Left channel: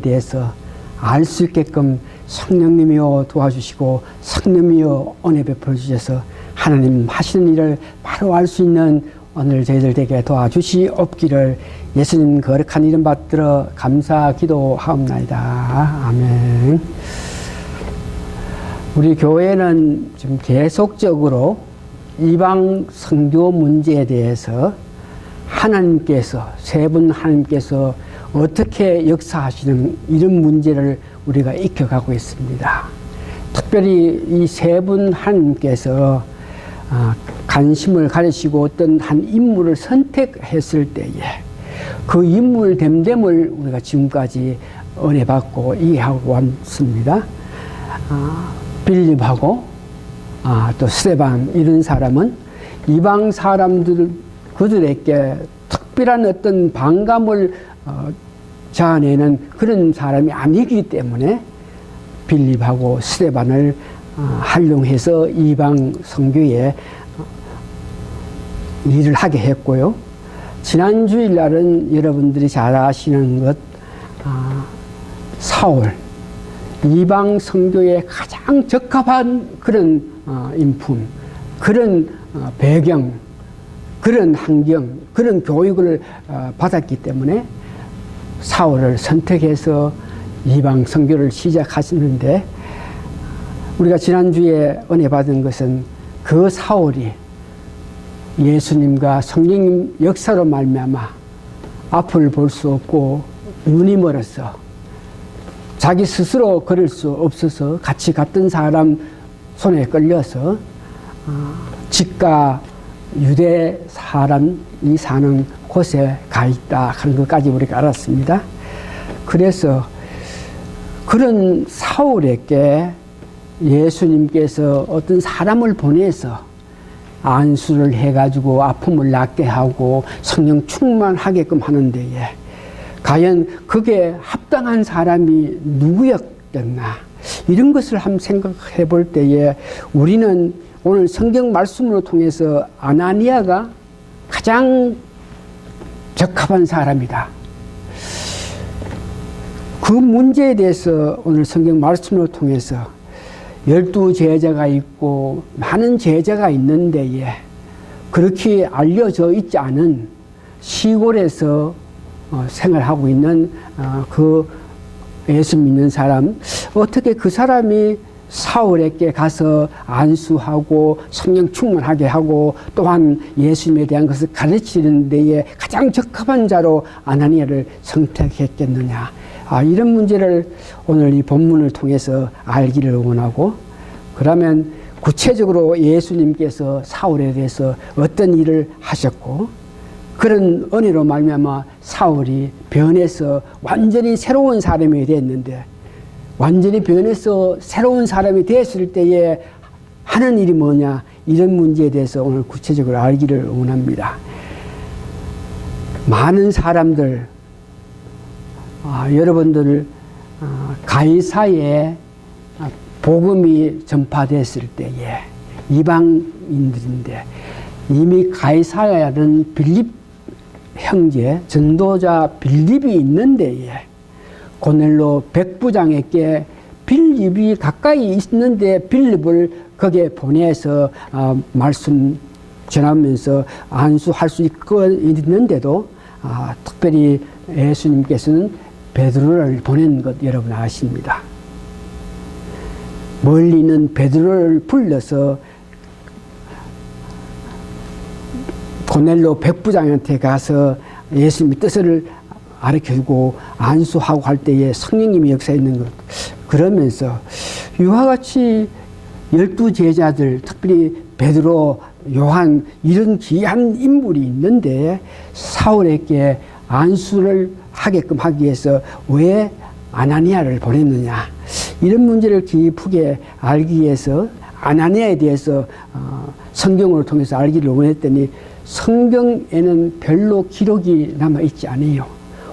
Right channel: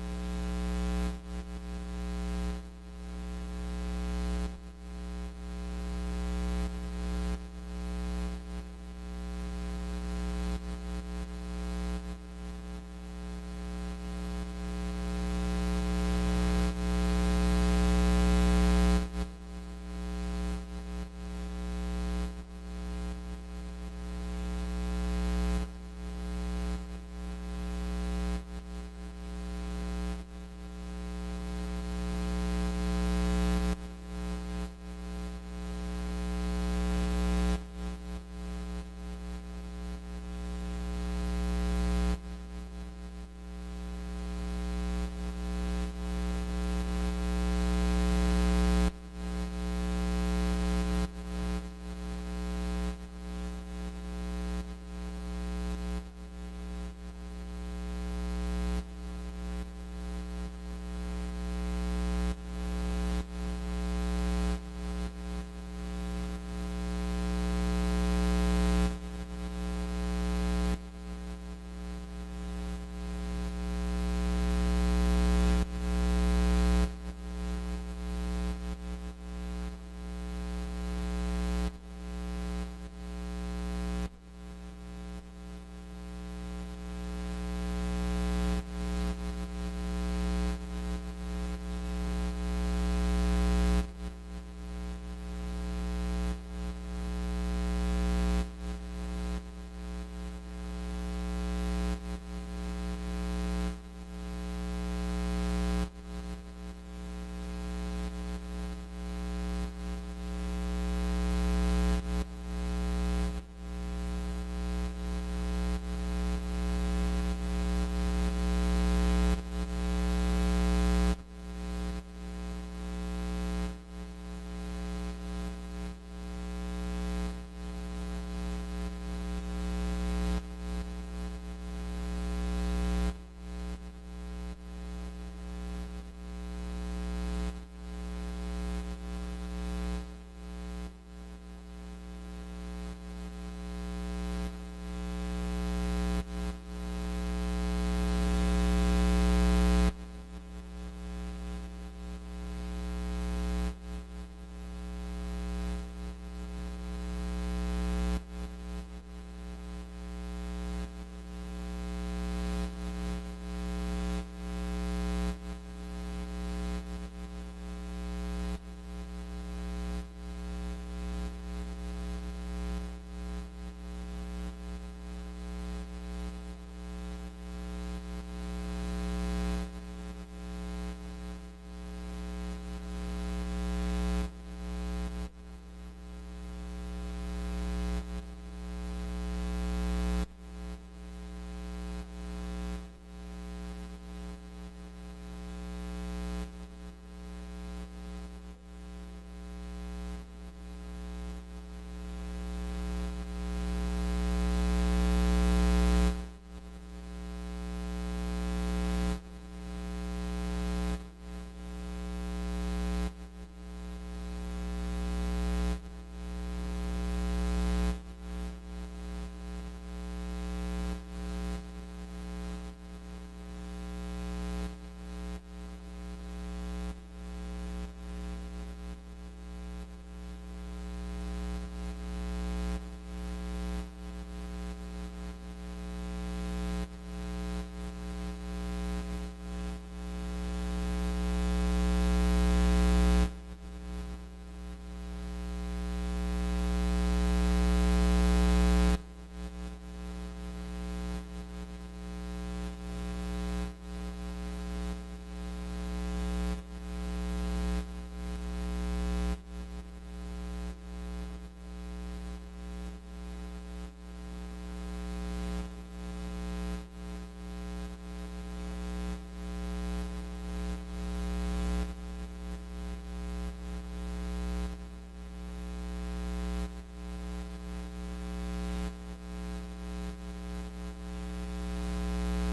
대해서 알 수 있게끔 성령님이여 도와주시고 성령님이여 은혜 베풀어 주셔서 하나님 하시는 일을 바로 알 수 있는 오늘 저희들 되게 도와주시옵기를 예수님 거룩한 이름 받들어 감사 기도하옵나이다. 아멘. 우리 교회는 지금 계속적으로 이방 선교 문제에 대해서 하나님께서 세 분 하나님께서 어떻게 역사하시는 이런 문제를 우리가 익혀가고 있습니다. 특별히 이 세 분 하나님께서 관심을 가지시고 어떤 한 인물을 선택했을 때에 그 인물 됨됨을 우리가 지금까지 은혜 받고 이해하고 왔습니다. 빌립하고 또 스데반 이런 사람은 이방 사람들 그들에게 특별한 어떤 반감을 자아내는 그런 사람이 아니기 때문에 빌립하고 스데반을 활용해서 이방 선교에 일을 하게 했고요. 지난 주일날은 여러분들이 잘 아시는 것 사울 이방 선교에 가장 적합한 그런 인품, 그런 배경, 그런 환경, 그런 교육을 받았기 때문에 사울을 선택해서 이방 선교를 시작하시는데 우리가 지난주에 은혜 받은 것은 그 사울이 예수님과 성령님 역사로 말미암아 앞을 볼 수 없고 눈이 멀어서 자기 스스로 걸을 수 없어서 같이 갔던 사람 손에 끌려서 집과 유대 사람이 사는 곳에 가 있다 하는 것까지 우리가 알았습니다. 그래서 그런 사울에게 예수님께서 어떤 사람을 보내서 안수를 해가지고 아픔을 낫게 하고 성령 충만하게끔 하는 데에 과연 그게 합당한 사람이 누구였겠나 이런 것을 한번 생각해 볼 때에 우리는 오늘 성경 말씀으로 통해서 아나니아가 가장 적합한 사람이다. 그 문제에 대해서 오늘 성경 말씀으로 통해서 12 제자가 있고 많은 제자가 있는데에 그렇게 알려져 있지 않은 시골에서 생활하고 있는 그 예수 믿는 사람 어떻게 그 사람이 사울에게 가서 안수하고 성령 충만하게 하고 또한 예수님에 대한 것을 가르치는 데에 가장 적합한 자로 아나니아를 선택했겠느냐. 이런 문제를 오늘 이 본문을 통해서 알기를 원하고 그러면 구체적으로 예수님께서 사울에 대해서 어떤 일을 하셨고 그런 은혜로 말미암아 사울이 변해서 완전히 새로운 사람이 됐는데 완전히 변해서 새로운 사람이 됐을 때에 하는 일이 뭐냐 이런 문제에 대해서 오늘 구체적으로 알기를 원합니다. 많은 사람들 여러분들 가이사에 복음이 전파됐을 때에 이방인들인데 이미 가이사야는 빌립 형제 전도자 빌립이 있는 데에 고넬로 백부장에게 빌립이 가까이 있는데 빌립을 거기에 보내서 말씀 전하면서 안수할 수 있는데도 특별히 예수님께서는 베드로를 보낸 것 여러분 아십니다. 멀리 있는 베드로를 불러서 고넬로 백부장한테 가서 예수님의 뜻을 가르쳐주고 안수하고 할 때에 성령님이 역사했는 것 그러면서 이와 같이 12 제자들 특별히 베드로, 요한 이런 귀한 인물이 있는데 사울에게 안수를 하게끔 하기 위해서 왜 아나니아를 보냈느냐 이런 문제를 깊게 알기 위해서 아나니아에 대해서 성경을 통해서 알기를 원했더니 성경에는 별로 기록이 남아있지 않아요.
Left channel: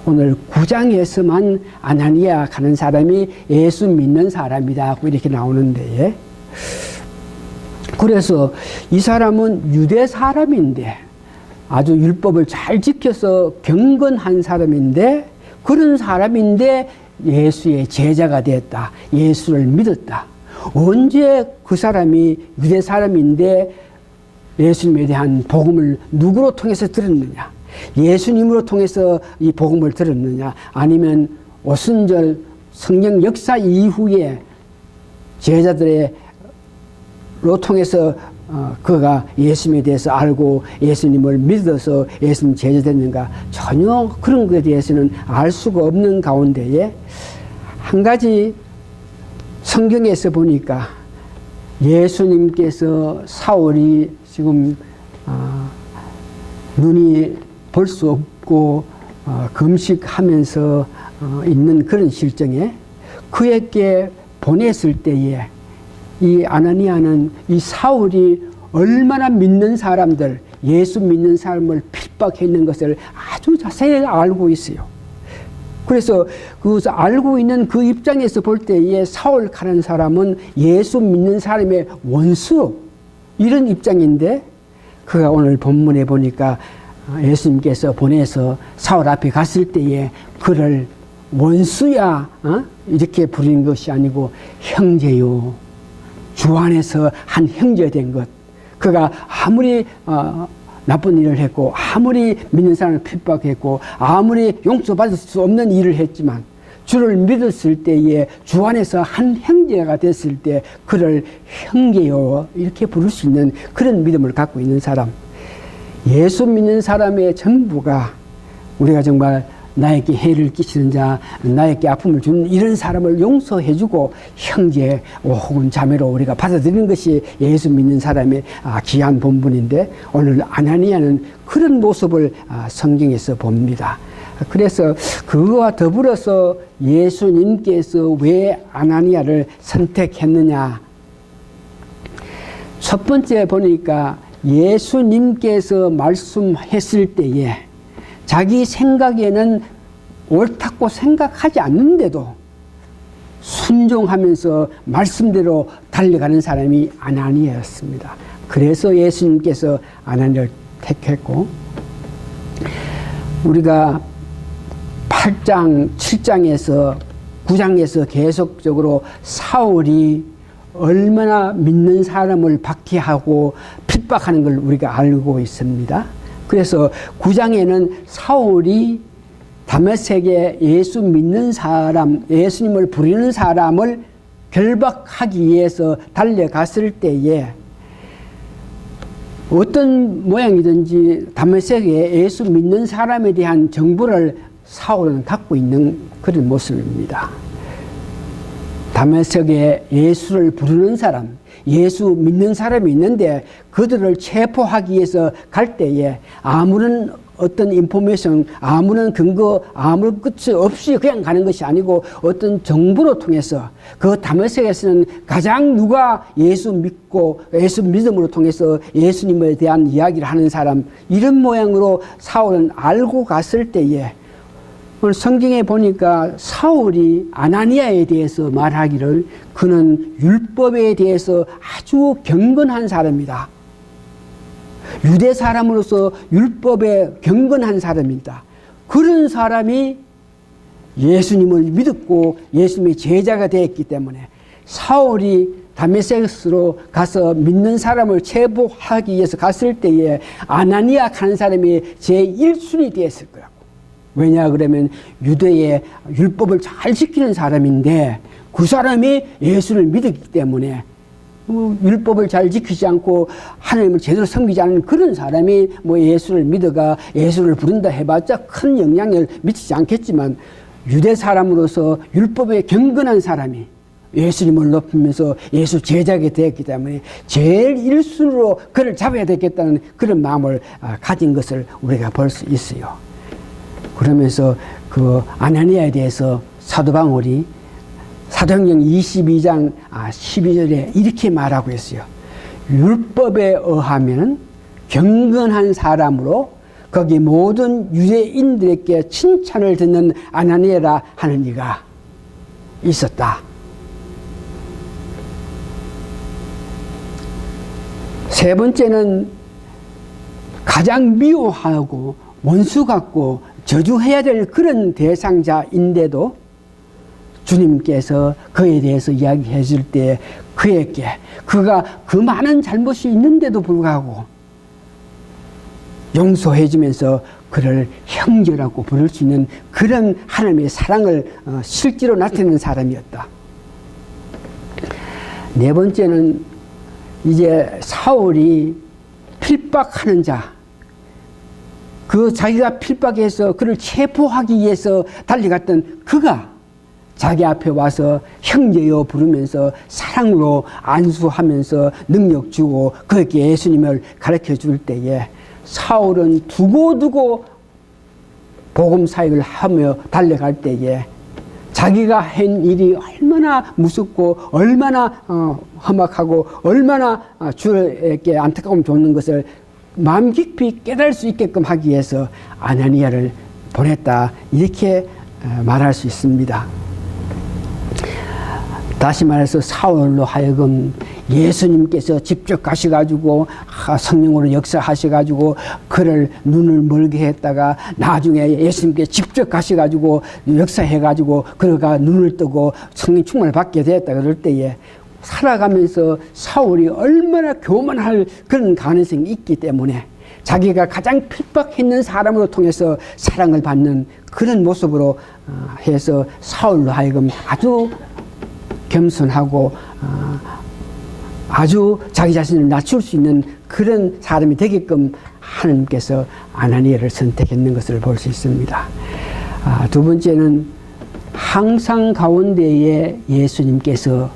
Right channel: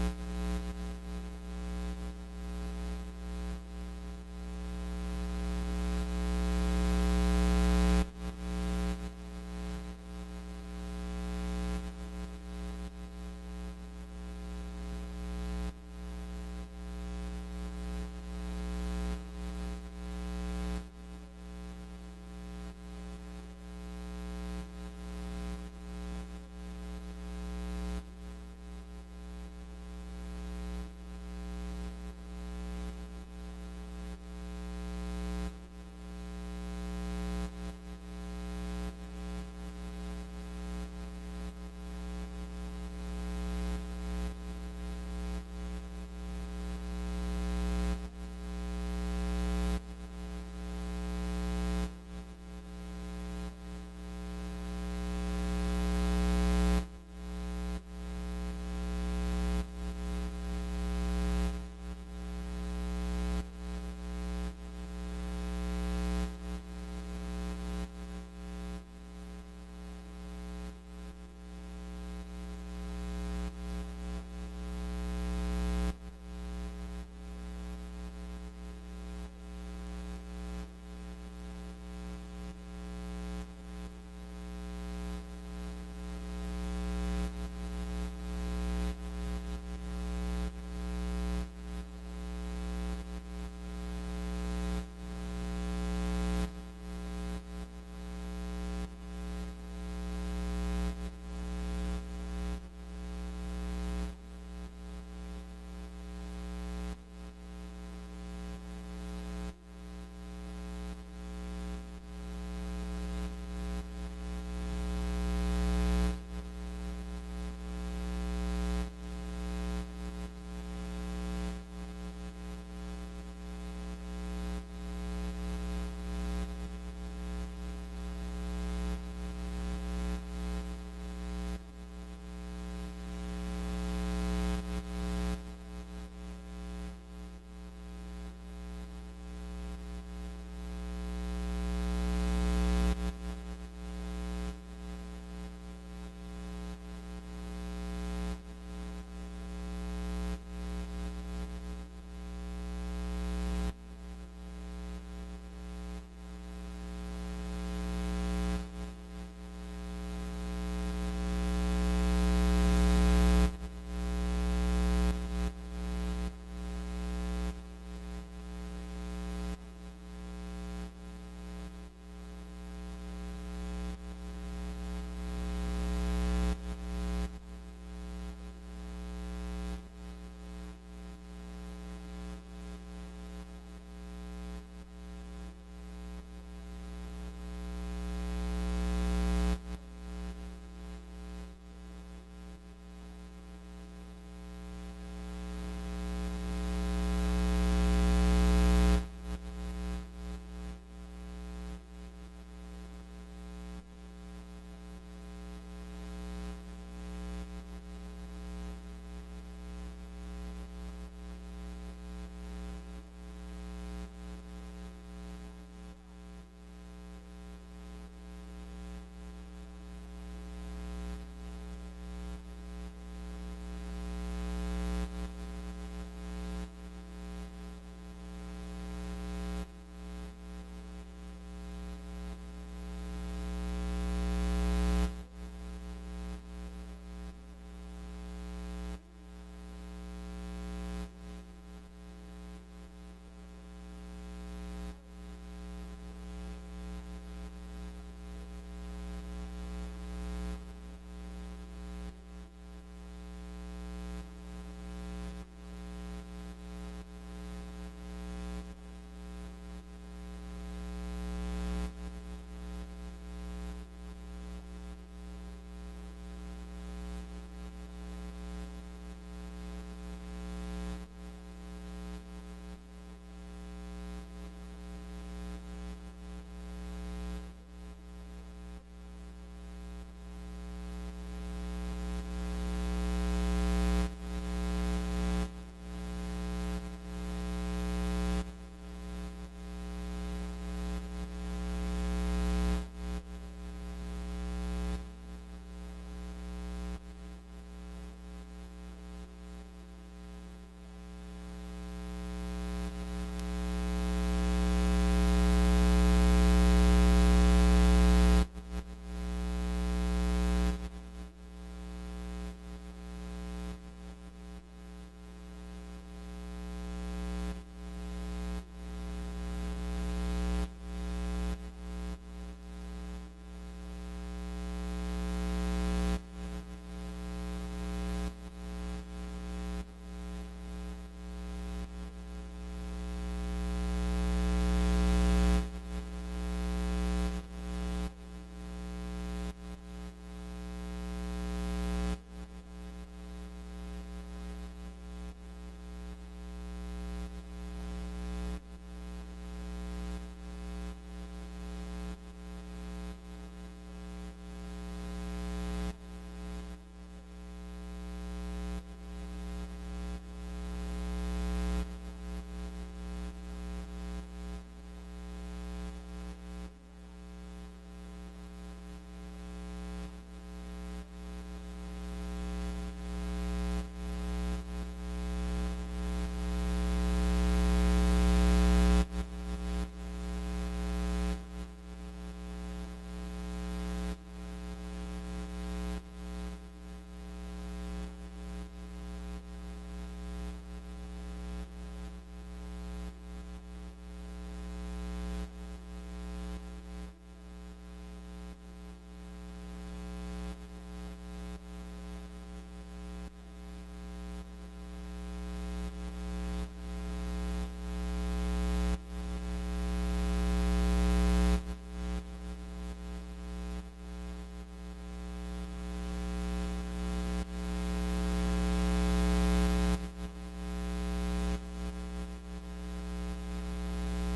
오늘 9장에서만 아나니아 가는 사람이 예수 믿는 사람이다 이렇게 나오는데 그래서 이 사람은 유대 사람인데 아주 율법을 잘 지켜서 경건한 사람인데 그런 사람인데 예수의 제자가 되었다. 예수를 믿었다. 언제 그 사람이 유대 사람인데 예수님에 대한 복음을 누구로 통해서 들었느냐? 예수님으로 통해서 이 복음을 들었느냐? 아니면 오순절 성령 역사 이후에 제자들로 통해서 그가 예수님에 대해서 알고 예수님을 믿어서 예수님 제자 됐는가? 전혀 그런 것에 대해서는 알 수가 없는 가운데에 한 가지 성경에서 보니까 예수님께서 사울이 지금 눈이 볼 수 없고 금식하면서 있는 그런 실정에 그에게 보냈을 때에 이 아나니아는 이 사울이 얼마나 믿는 사람들, 예수 믿는 사람을 핍박했는 것을 아주 자세히 알고 있어요. 그래서 그 알고 있는 그 입장에서 볼 때에 사울이라는 사람은 예수 믿는 사람의 원수, 이런 입장인데 그가 오늘 본문에 보니까 예수님께서 보내서 사울 앞에 갔을 때에 그를 원수야 이렇게 부르는 것이 아니고 형제요, 주 안에서 한 형제 된 것. 그가 아무리 나쁜 일을 했고 아무리 믿는 사람을 핍박했고 아무리 용서받을 수 없는 일을 했지만 주를 믿었을 때에 주 안에서 한 형제가 됐을 때 그를 형제요 이렇게 부를 수 있는 그런 믿음을 갖고 있는 사람, 예수 믿는 사람의 전부가 우리가 정말 나에게 해를 끼치는 자, 나에게 아픔을 주는 이런 사람을 용서해주고 형제 혹은 자매로 우리가 받아들이는 것이 예수 믿는 사람의 귀한 본분인데 오늘 아나니아는 그런 모습을 성경에서 봅니다. 그래서 그거와 더불어서 예수님께서 왜 아나니아를 선택했느냐. 첫 번째 보니까 예수님께서 말씀했을 때에 자기 생각에는 옳다고 생각하지 않는데도 순종하면서 말씀대로 달려가는 사람이 아나니아였습니다. 그래서 예수님께서 아나니아를 택했고, 우리가 8장, 7장에서 9장에서 계속적으로 사울이 얼마나 믿는 사람을 박해하고 핍박하는 걸 우리가 알고 있습니다. 그래서 9장에는 사울이 다메섹에 예수 믿는 사람, 예수님을 부르는 사람을 결박하기 위해서 달려갔을 때에 어떤 모양이든지 다메섹에 예수 믿는 사람에 대한 정보를 사울은 갖고 있는 그런 모습입니다. 다메섹에 예수를 부르는 사람, 예수 믿는 사람이 있는데 그들을 체포하기 위해서 갈 때에 아무런 어떤 인포메이션, 아무런 근거, 아무 끝이 없이 그냥 가는 것이 아니고 어떤 정보로 통해서 그 다메섹에서는 가장 누가 예수 믿고 예수 믿음으로 통해서 예수님에 대한 이야기를 하는 사람, 이런 모양으로 사울은 알고 갔을 때에 오늘 성경에 보니까 사울이 아나니아에 대해서 말하기를 그는 율법에 대해서 아주 경건한 사람이다. 유대 사람으로서 율법에 경건한 사람이다. 그런 사람이 예수님을 믿었고 예수님의 제자가 되었기 때문에 사울이 다메섹으로 가서 믿는 사람을 체포하기 위해서 갔을 때에 아나니아 하는 사람이 제1순위 되었을 거야. 왜냐 그러면 유대의 율법을 잘 지키는 사람인데 그 사람이 예수를 믿었기 때문에 율법을 잘 지키지 않고 하나님을 제대로 섬기지 않는 그런 사람이 예수를 믿어가 예수를 부른다 해봤자 큰 영향을 미치지 않겠지만 유대 사람으로서 율법에 경건한 사람이 예수님을 높이면서 예수 제자가 되었기 때문에 제일 1순위로 그를 잡아야 되겠다는 그런 마음을 가진 것을 우리가 볼 수 있어요. 그러면서 그 아나니아에 대해서 사도 바울이 사도행전 22장 12절에 이렇게 말하고 있어요. 율법에 의하면 경건한 사람으로 거기 모든 유대인들에게 칭찬을 듣는 아나니아라 하는 이가 있었다. 세 번째는 가장 미워하고 원수 같고 저주해야 될 그런 대상자인데도 주님께서 그에 대해서 이야기해 줄 때 그에게 그가 그 많은 잘못이 있는데도 불구하고 용서해 주면서 그를 형제라고 부를 수 있는 그런 하나님의 사랑을 실제로 나타내는 사람이었다. 네 번째는 이제 사울이 필박하는 자, 그 자기가 필박해서 그를 체포하기 위해서 달려갔던 그가 자기 앞에 와서 형제여 부르면서 사랑으로 안수하면서 능력 주고 그에게 예수님을 가르쳐 줄 때에 사울은 두고두고 복음 사역을 하며 달려갈 때에 자기가 한 일이 얼마나 무섭고 얼마나 험악하고 얼마나 주에게 안타까움 줬는 것을 마음 깊이 깨달을 수 있게끔 하기 위해서 아나니아를 보냈다, 이렇게 말할 수 있습니다. 다시 말해서 사울로 하여금 예수님께서 직접 가셔가지고 성령으로 역사하셔가지고 그를 눈을 멀게 했다가 나중에 예수님께 직접 가셔가지고 역사해가지고 그가 눈을 뜨고 성령 충만을 받게 되었다 그럴 때에 살아가면서 사울이 얼마나 교만할 그런 가능성이 있기 때문에 자기가 가장 핍박했는 사람으로 통해서 사랑을 받는 그런 모습으로 해서 사울로 하여금 아주 겸손하고 아주 자기 자신을 낮출 수 있는 그런 사람이 되게끔 하나님께서 아나니아를 선택했는 것을 볼 수 있습니다. 두 번째는 항상 가운데에 예수님께서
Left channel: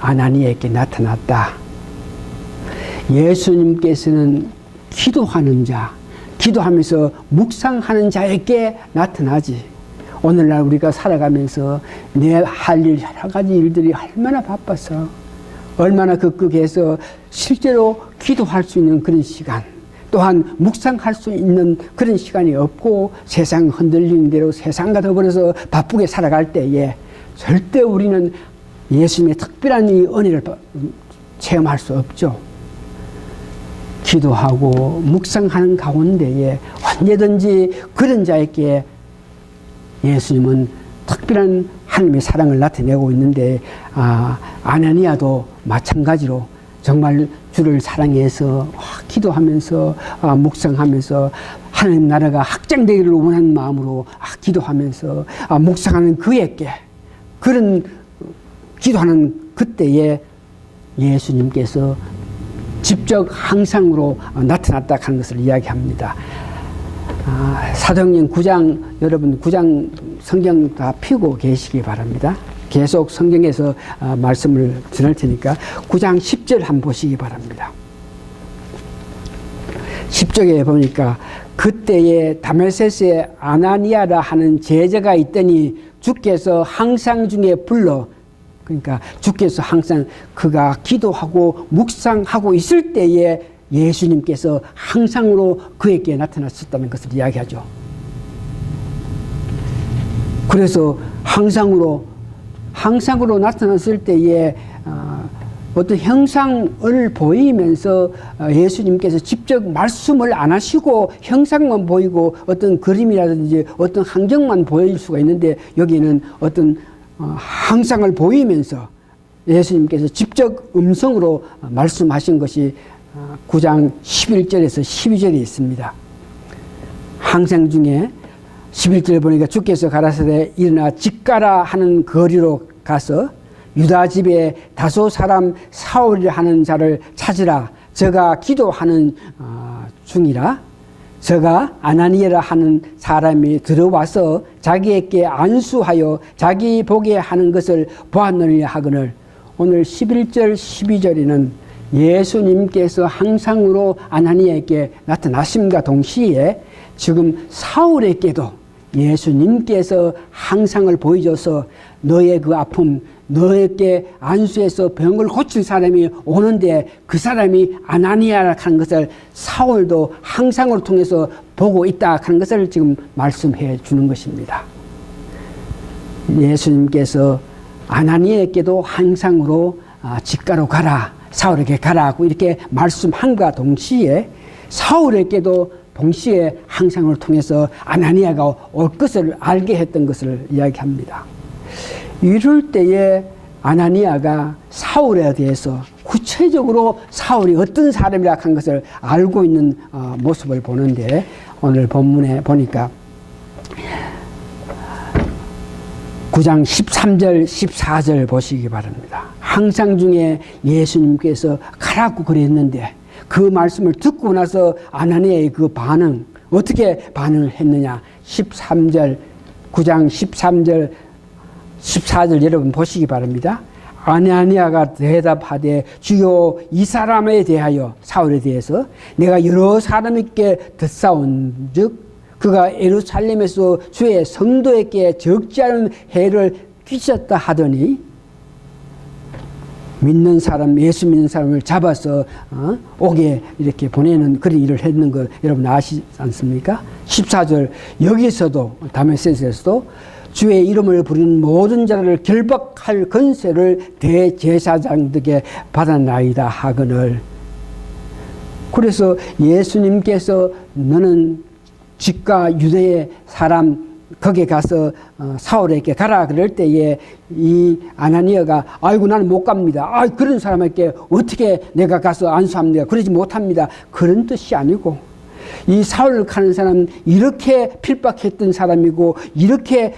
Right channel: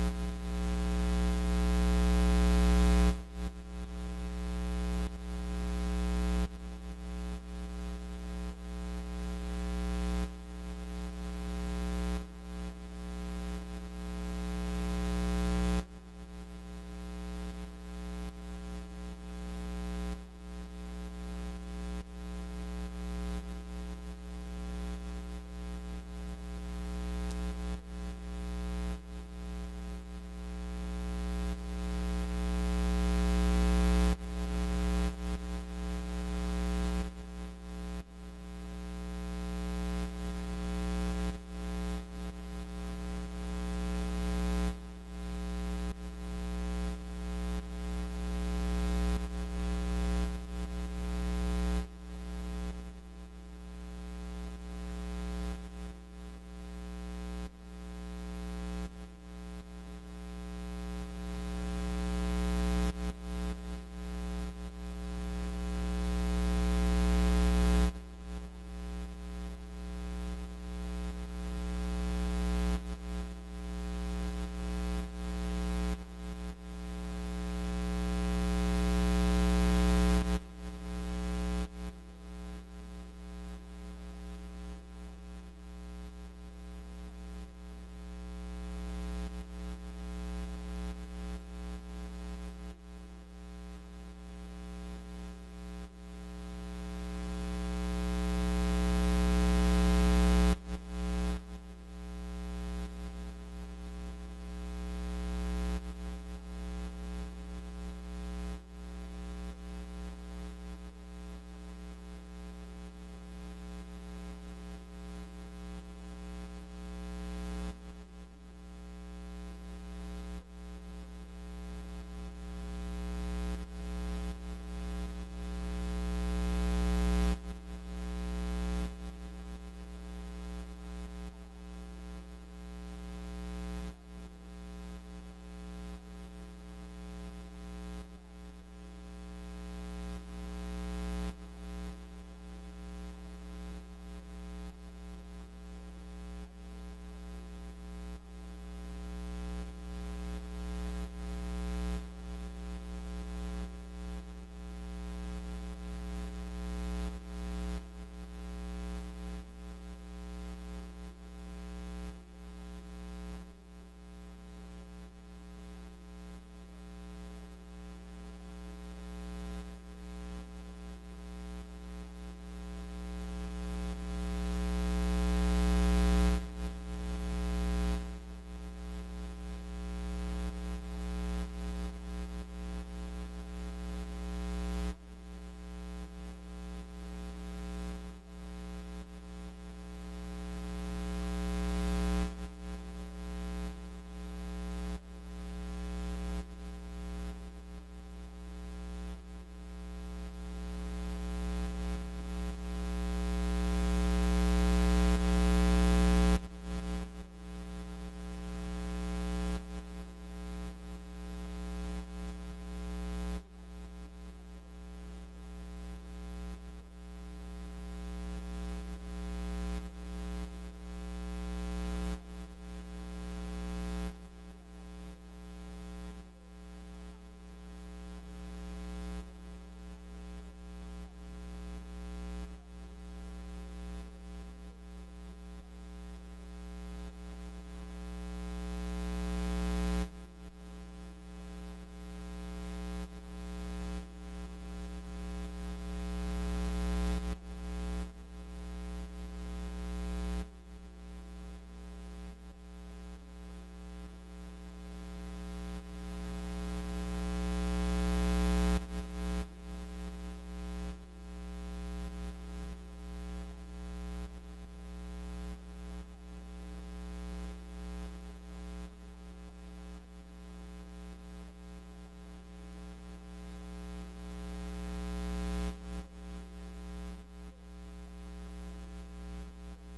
아나니아에게 나타났다. 예수님께서는 기도하는 자, 기도하면서 묵상하는 자에게 나타나지. 오늘날 우리가 살아가면서 내 할 일, 여러 가지 일들이 얼마나 바빠서 얼마나 급급해서 실제로 기도할 수 있는 그런 시간, 또한 묵상할 수 있는 그런 시간이 없고 세상 흔들리는 대로 세상과 더불어서 바쁘게 살아갈 때에 절대 우리는 예수님의 특별한 이 은혜를 체험할 수 없죠. 기도하고 묵상하는 가운데에 언제든지 그런 자에게 예수님은 특별한 하나님의 사랑을 나타내고 있는데 아나니아도 마찬가지로 정말 주를 사랑해서 기도하면서 묵상하면서 하나님 나라가 확장되기를 원하는 마음으로 기도하면서 묵상하는 그에게 그런 기도하는 그때에 예수님께서 직접 항상으로 나타났다 하는 것을 이야기합니다. 사도행전 9장, 여러분 9장 성경 다 펴고 계시기 바랍니다. 계속 성경에서 말씀을 전할 테니까 9장 10절 한번 보시기 바랍니다. 10절에 보니까 그때에 다메섹에 아나니아라 하는 제자가 있더니 주께서 항상 중에 불러, 그러니까 주께서 항상 그가 기도하고 묵상하고 있을 때에 예수님께서 항상으로 그에게 나타났었다는 것을 이야기하죠. 그래서 항상으로 나타났을 때에 어떤 형상을 보이면서 예수님께서 직접 말씀을 안 하시고 형상만 보이고 어떤 그림이라든지 어떤 환경만 보일 수가 있는데 여기는 어떤 형상을 보이면서 예수님께서 직접 음성으로 말씀하신 것이 9장 11절에서 12절에 있습니다. 항상 중에 11절 보니까 주께서 가라사대 일어나 집가라 하는 거리로 가서 유다 집에 다소 사람 사울이라 하는 자를 찾으라. 저가 기도하는 중이라. 저가 아나니아라 하는 사람이 들어와서 자기에게 안수하여 자기 보게 하는 것을 보았느니라 하거늘. 오늘 11절 12절에는 예수님께서 항상으로 아나니아에게 나타나심과 동시에 지금 사울에게도 예수님께서 항상을 보여줘서 너의 그 아픔, 너에게 안수해서 병을 고칠 사람이 오는데 그 사람이 아나니아라 하는 것을 사울도 항상으로 통해서 보고 있다 하는 것을 지금 말씀해 주는 것입니다. 예수님께서 아나니아에게도 항상으로 집가로 가라, 사울에게 가라고 이렇게 말씀함과 동시에 사울에게도 동시에 항상을 통해서 아나니아가 올 것을 알게 했던 것을 이야기합니다. 이럴 때에 아나니아가 사울에 대해서 구체적으로 사울이 어떤 사람이라 한 것을 알고 있는 모습을 보는데, 오늘 본문에 보니까 9장 13절 14절 보시기 바랍니다. 항상 중에 예수님께서 가라고 그랬는데 그 말씀을 듣고 나서 아나니아의 그 반응, 어떻게 반응을 했느냐. 9장 13절 14절 여러분 보시기 바랍니다. 아나니아가 대답하되 주여, 이 사람에 대하여, 사울에 대해서 내가 여러 사람에게 듣사온즉 그가 예루살렘에서 주의 성도에게 적지 않은 해를 끼쳤다 하더니, 믿는 사람, 예수 믿는 사람을 잡아서 옥에 이렇게 보내는 그런 일을 했는 걸 여러분 아시지 않습니까? 14절 여기서도 다메섹에서도 주의 이름을 부르는 모든 자를 결박할 권세를 대제사장들에게 받았나이다 하거늘. 그래서 예수님께서 너는 집과 유대의 사람 거기에 가서 사울에게 가라 그럴 때에 이 아나니아가 아이고 나는 못 갑니다. 아, 그런 사람에게 어떻게 내가 가서 안수합니까? 그러지 못합니다. 그런 뜻이 아니고, 이 사울을 가는 사람 이렇게 필박했던 사람이고 이렇게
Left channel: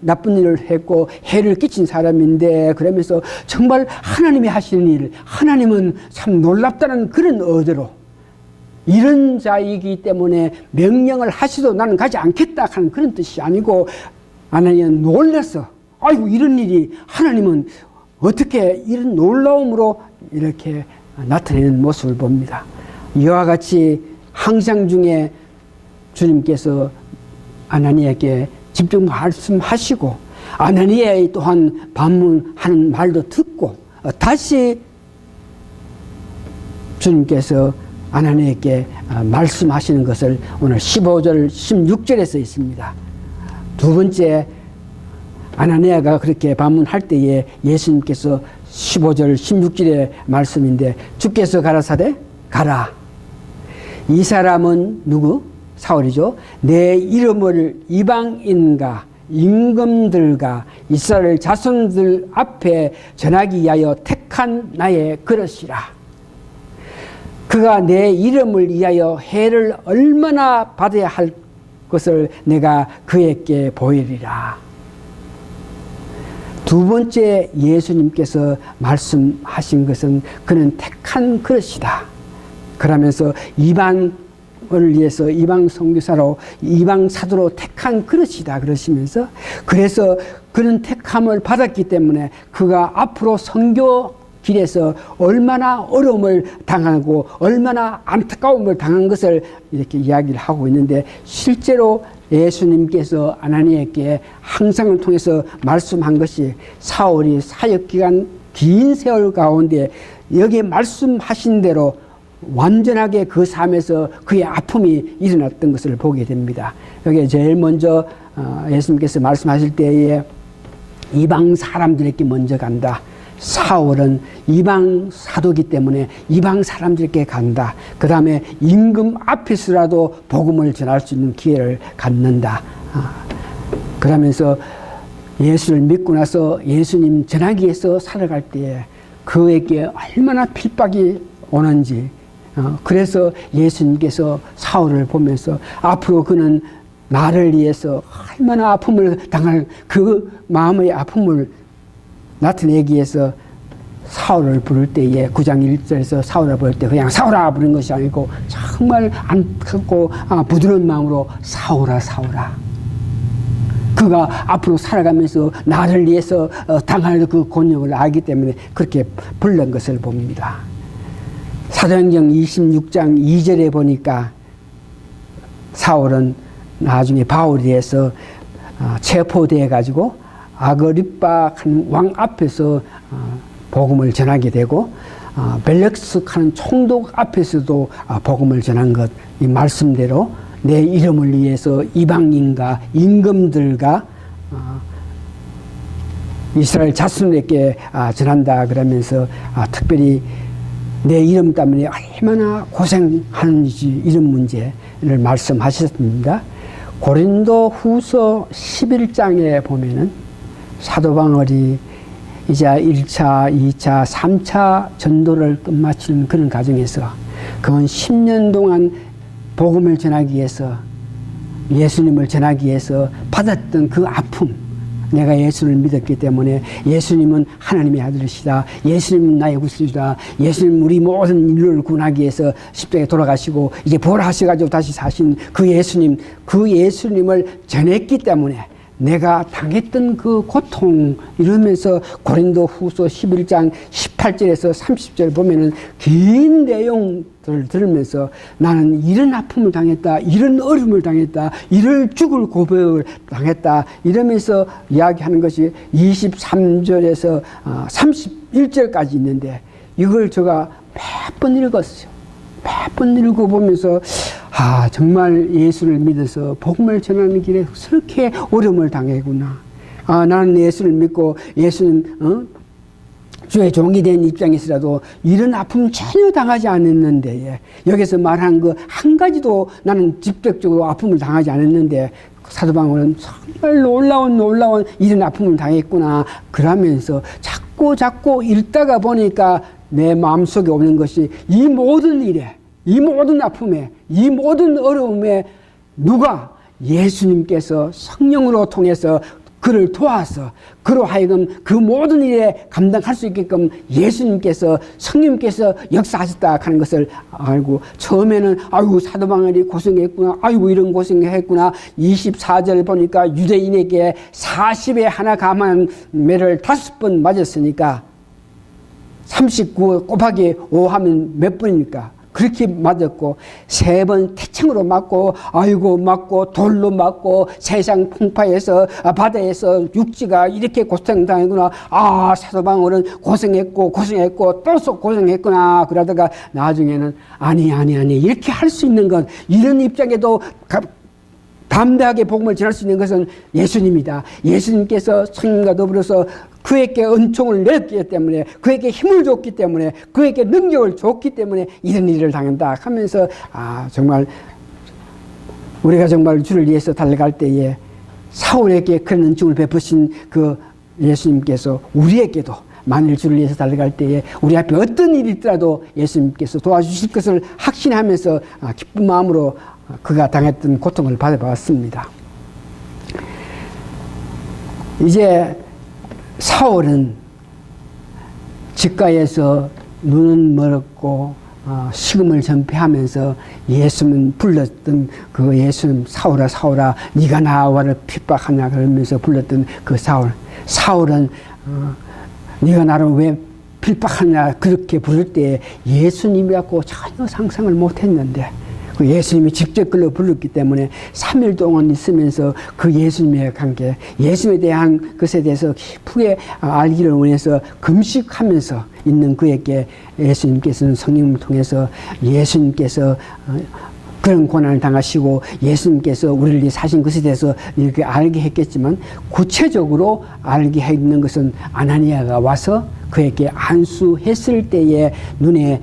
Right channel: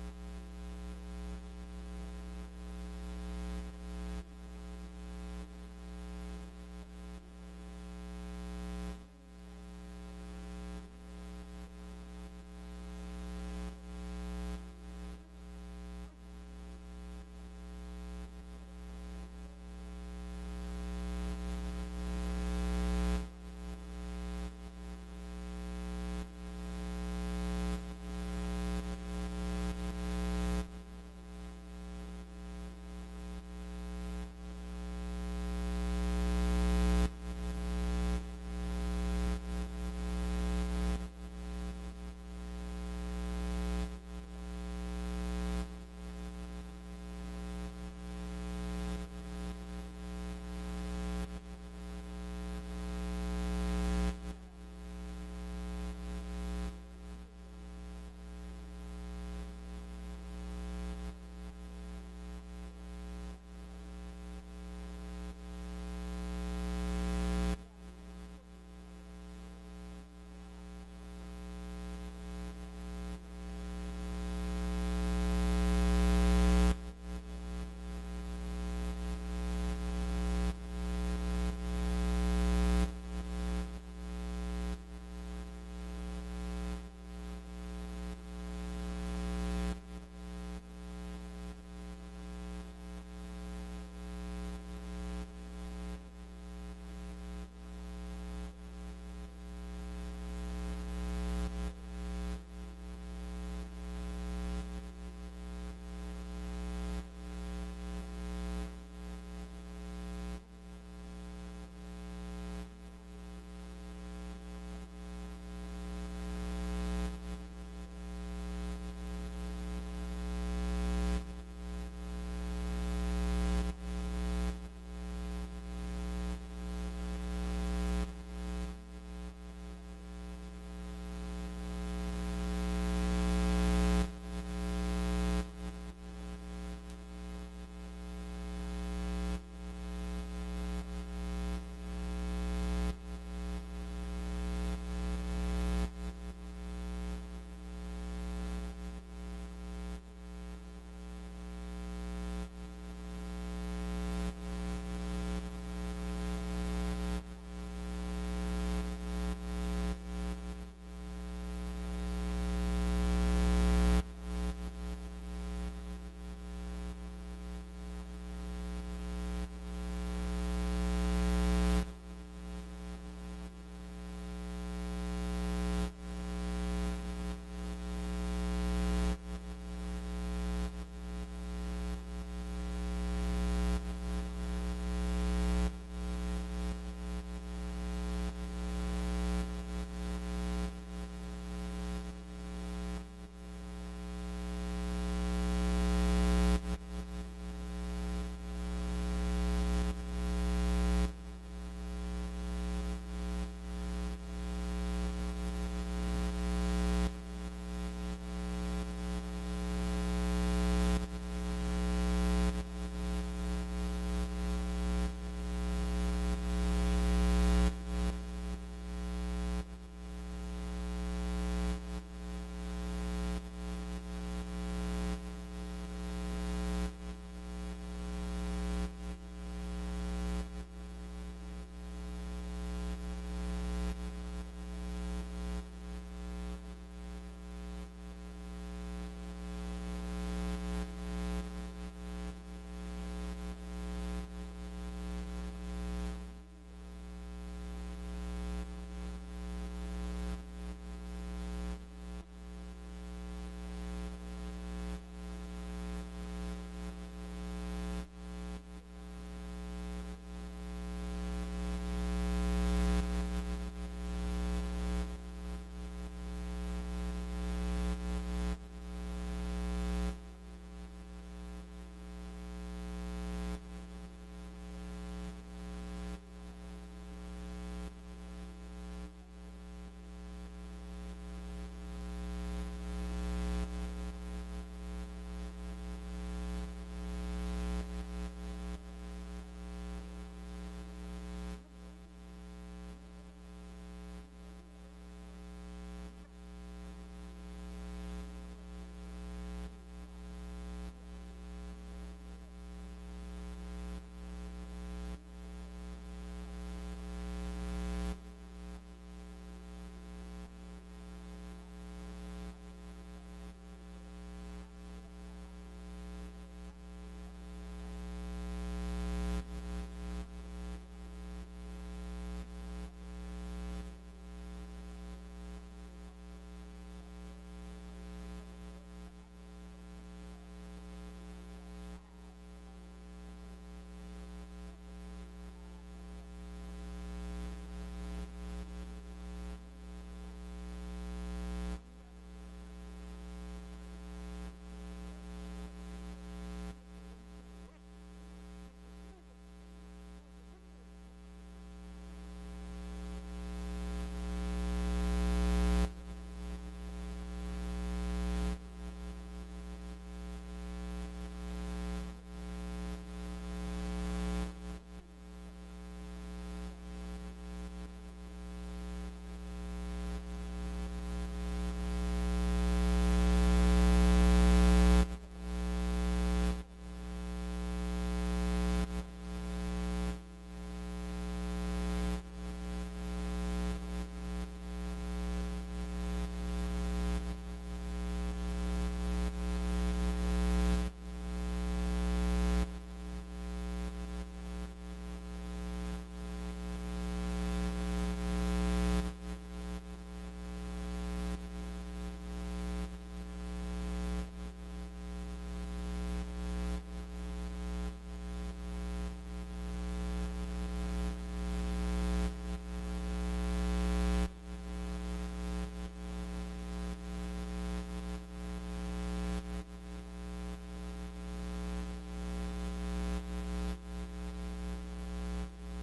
나쁜 일을 했고 해를 끼친 사람인데, 그러면서 정말 하나님이 하시는 일, 하나님은 참 놀랍다는 그런 의도로 이런 자이기 때문에 명령을 하시도 나는 가지 않겠다 하는 그런 뜻이 아니고, 아나니아는 놀라서 아이고 이런 일이 하나님은 어떻게 이런 놀라움으로 이렇게 나타내는 모습을 봅니다. 이와 같이 항상 중에 주님께서 아나니아에게 직접 말씀하시고 아나니아 또한 반문하는 말도 듣고 다시 주님께서 아나니아에게 말씀하시는 것을 오늘 15절 16절에서 있습니다. 두 번째, 아나니아가 그렇게 반문할 때에 예수님께서 15절 16절의 말씀인데, 주께서 가라사대 가라. 이 사람은 누구? 사울이죠. 내 이름을 이방인과 임금들과 이스라엘 자손들 앞에 전하기 위하여 택한 나의 그릇이라. 그가 내 이름을 위하여 해를 얼마나 받아야 할 것을 내가 그에게 보이리라. 두 번째 예수님께서 말씀하신 것은 그는 택한 그릇이다. 그러면서 이방을 위해서 이방 선교사로 이방 사도로 택한 그릇이다 그러시면서, 그래서 그는 택함을 받았기 때문에 그가 앞으로 선교 길에서 얼마나 어려움을 당하고 얼마나 안타까움을 당한 것을 이렇게 이야기를 하고 있는데, 실제로 예수님께서 아나니아에게 항상을 통해서 말씀한 것이 사울이 사역기간 긴 세월 가운데 여기 말씀하신 대로 완전하게 그 삶에서 그의 아픔이 일어났던 것을 보게 됩니다. 여기 제일 먼저 예수님께서 말씀하실 때에 이방 사람들에게 먼저 간다. 사울은 이방 사도기 때문에 이방 사람들에게 간다. 그 다음에 임금 앞에서라도 복음을 전할 수 있는 기회를 갖는다. 그러면서 예수를 믿고 나서 예수님 전하기 위해서 살아갈 때에 그에게 얼마나 핍박이 오는지, 그래서 예수님께서 사울을 보면서 앞으로 그는 나를 위해서 얼마나 아픔을 당할 그 마음의 아픔을 나타내기 위해서 사울을 부를 때에 9장 1절에서 사울을 부를 때 그냥 사울아 부른 것이 아니고 정말 안타깝고 부드러운 마음으로 사울아 사울아. 그가 앞으로 살아가면서 나를 위해서 당할 그 곤욕을 알기 때문에 그렇게 부른 것을 봅니다. 사도행전 26장 2절에 보니까 사울은 나중에 바울에 대해서 체포되어 가지고 아그리빠 왕 앞에서 복음을 전하게 되고, 벨렉스 하는 총독 앞에서도 복음을 전한 것, 이 말씀대로 내 이름을 위해서 이방인과 임금들과 이스라엘 자손에게 전한다 그러면서 특별히 내 이름 때문에 얼마나 고생하는지 이런 문제를 말씀하셨습니다. 고린도 후서 11장에 보면은 사도 바울이 이제 1차, 2차, 3차 전도를 끝마치는 그런 과정에서 그건 10년 동안 복음을 전하기 위해서, 예수님을 전하기 위해서 받았던 그 아픔, 내가 예수를 믿었기 때문에 예수님은 하나님의 아들이시다, 예수님은 나의 구주시다, 예수님 우리 모든 인류를 구원하기 위해서 십자가에 돌아가시고 이제 부활하셔가지고 다시 사신 그 예수님, 그 예수님을 전했기 때문에 내가 당했던 그 고통, 이러면서 고린도후서 11장 18절에서 30절 보면은 긴 내용들을 들으면서 나는 이런 아픔을 당했다, 이런 어려움을 당했다, 이런 죽을 고백을 당했다, 이러면서 이야기하는 것이 23절에서 31절까지 있는데, 이걸 제가 몇 번 읽었어요. 몇 번 읽어보면서 정말 예수를 믿어서 복음을 전하는 길에 그렇게 어려움을 당했구나. 나는 예수를 믿고 예수님 주의 종이 된 입장에서라도 이런 아픔 전혀 당하지 않았는데, 여기서 말한 그 한 가지도 나는 직접적으로 아픔을 당하지 않았는데 사도 바울은 정말 놀라운 이런 아픔을 당했구나. 그러면서 자꾸 읽다가 보니까 내 마음속에 오는 것이, 이 모든 일에, 이 모든 아픔에, 이 모든 어려움에 누가, 예수님께서 성령으로 통해서 그를 도와서 그로 하여금 그 모든 일에 감당할 수 있게끔 예수님께서, 성령님께서 역사하셨다 하는 것을 알고, 처음에는 아이고 사도 바울이 고생했구나, 아이고 이런 고생했구나. 24절 보니까 유대인에게 40에 하나 감한 매를 5번 맞았으니까 39 곱하기 5 하면 몇 번입니까? 그렇게 맞았고, 3번 태창으로 맞고, 아이고 맞고, 돌로 맞고, 세상 풍파에서, 바다에서 육지가 이렇게 고생당했구나. 사도 바울은 고생했고 또 고생했구나. 그러다가 나중에는 아니 이렇게 할 수 있는 건, 이런 입장에도 담대하게 복음을 전할 수 있는 것은 예수님이다. 예수님께서 성령과 더불어서 그에게 은총을 내렸기 때문에, 그에게 힘을 줬기 때문에, 그에게 능력을 줬기 때문에 이런 일을 당한다 하면서, 정말 우리가 정말 주를 위해서 달려갈 때에 사울에게 그런 은총을 베푸신 그 예수님께서 우리에게도, 만일 주를 위해서 달려갈 때에 우리 앞에 어떤 일이 있더라도 예수님께서 도와주실 것을 확신하면서 기쁜 마음으로 그가 당했던 고통을 받아봤습니다. 이제 사울은 집가에서 눈은 멀었고 식음을 전폐하면서 예수님 불렀던 그 예수님, 사울아 네가 나와를 핍박하냐 그러면서 불렀던 그 사울은 네가 나를 왜 핍박하냐 그렇게 부를 때 예수님이라고 전혀 상상을 못했는데, 그 예수님이 직접 글로 불렀기 때문에 3일 동안 있으면서 그 예수님의 관계, 예수님에 대한 것에 대해서 깊게 알기를 원해서 금식하면서 있는 그에게 예수님께서는 성령을 통해서 예수님께서 그런 고난을 당하시고 예수님께서 우리를 위해 사신 것에 대해서 이렇게 알게 했겠지만, 구체적으로 알게 했는 것은 아나니아가 와서 그에게 안수했을 때에 눈에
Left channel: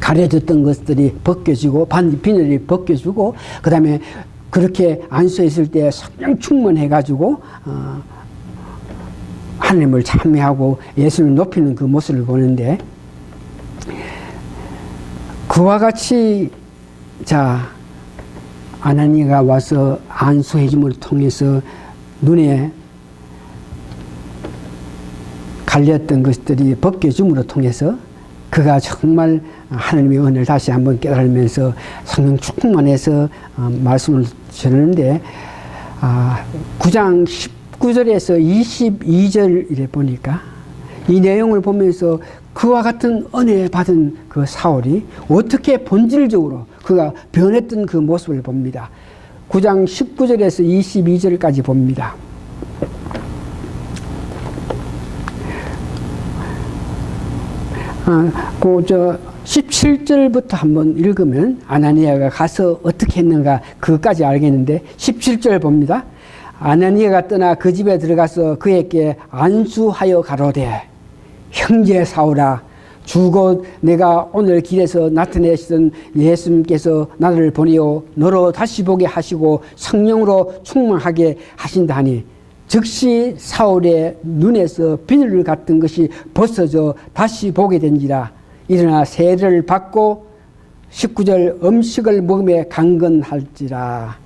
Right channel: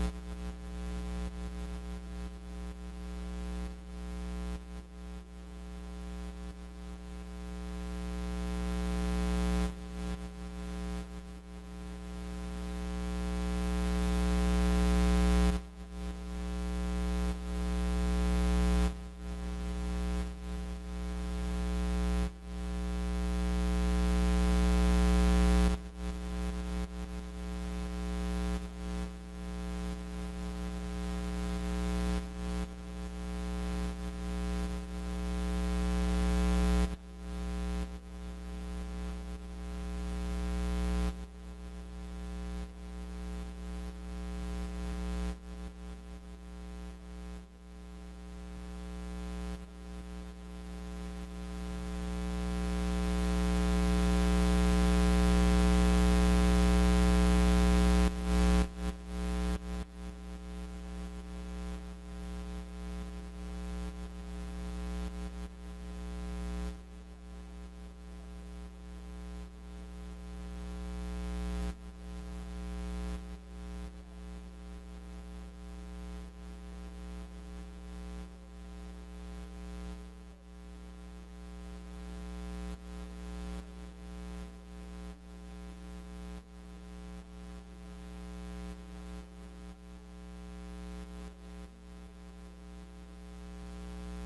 가려졌던 것들이 벗겨지고 비늘이 벗겨지고, 그 다음에 그렇게 안수했을 때 성령 충만해가지고 하나님을 찬미하고 예수님을 높이는 그 모습을 보는데, 그와 같이 아나니아가 와서 안수해줌을 통해서 눈에 갈렸던 것들이 벗겨줌으로 통해서 그가 정말 하나님의 은혜를 다시 한번 깨달으면서 성령 충만해서 말씀을 전하는데, 9장 19절에서 22절에 보니까 이 내용을 보면서 그와 같은 은혜 받은 그 사울이 어떻게 본질적으로 그가 변했던 그 모습을 봅니다. 9장 19절에서 22절까지 봅니다. 그 17절부터 한번 읽으면 아나니아가 가서 어떻게 했는가 그것까지 알겠는데, 17절 봅니다. 아나니아가 떠나 그 집에 들어가서 그에게 안수하여 가로되, 형제 사울아, 주곧 내가 오늘 길에서 나타내시던 예수님께서 나를 보내어 너로 다시 보게 하시고 성령으로 충만하게 하신다 하니, 즉시 사울의 눈에서 비늘 같은 것이 벗어져 다시 보게 된지라. 일어나 세례를 받고 19절 음식을 먹음에 강건할지라.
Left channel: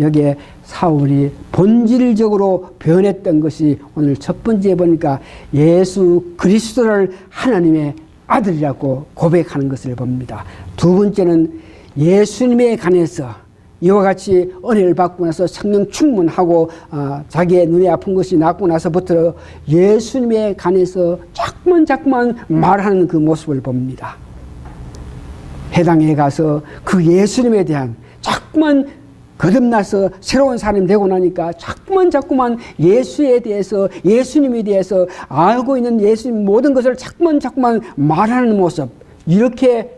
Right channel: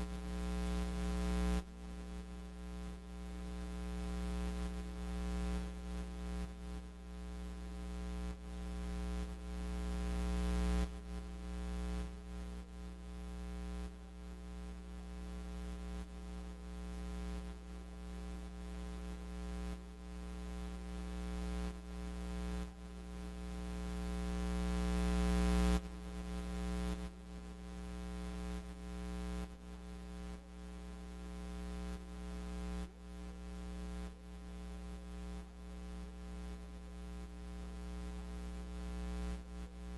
여기에 사울이 본질적으로 변했던 것이 오늘 첫 번째 보니까 예수 그리스도를 하나님의 아들이라고 고백하는 것을 봅니다. 두 번째는 예수님에 관해서 이와 같이 은혜를 받고 나서 성령 충만하고 자기의 눈에 아픈 것이 낫고 나서부터 예수님에 관해서 자꾸만 말하는 그 모습을 봅니다. 해당에 가서 그 예수님에 대한 자꾸만 거듭나서 새로운 사람이 되고 나니까 자꾸만 예수에 대해서, 예수님에 대해서 알고 있는 예수님 모든 것을 자꾸만 말하는 모습, 이렇게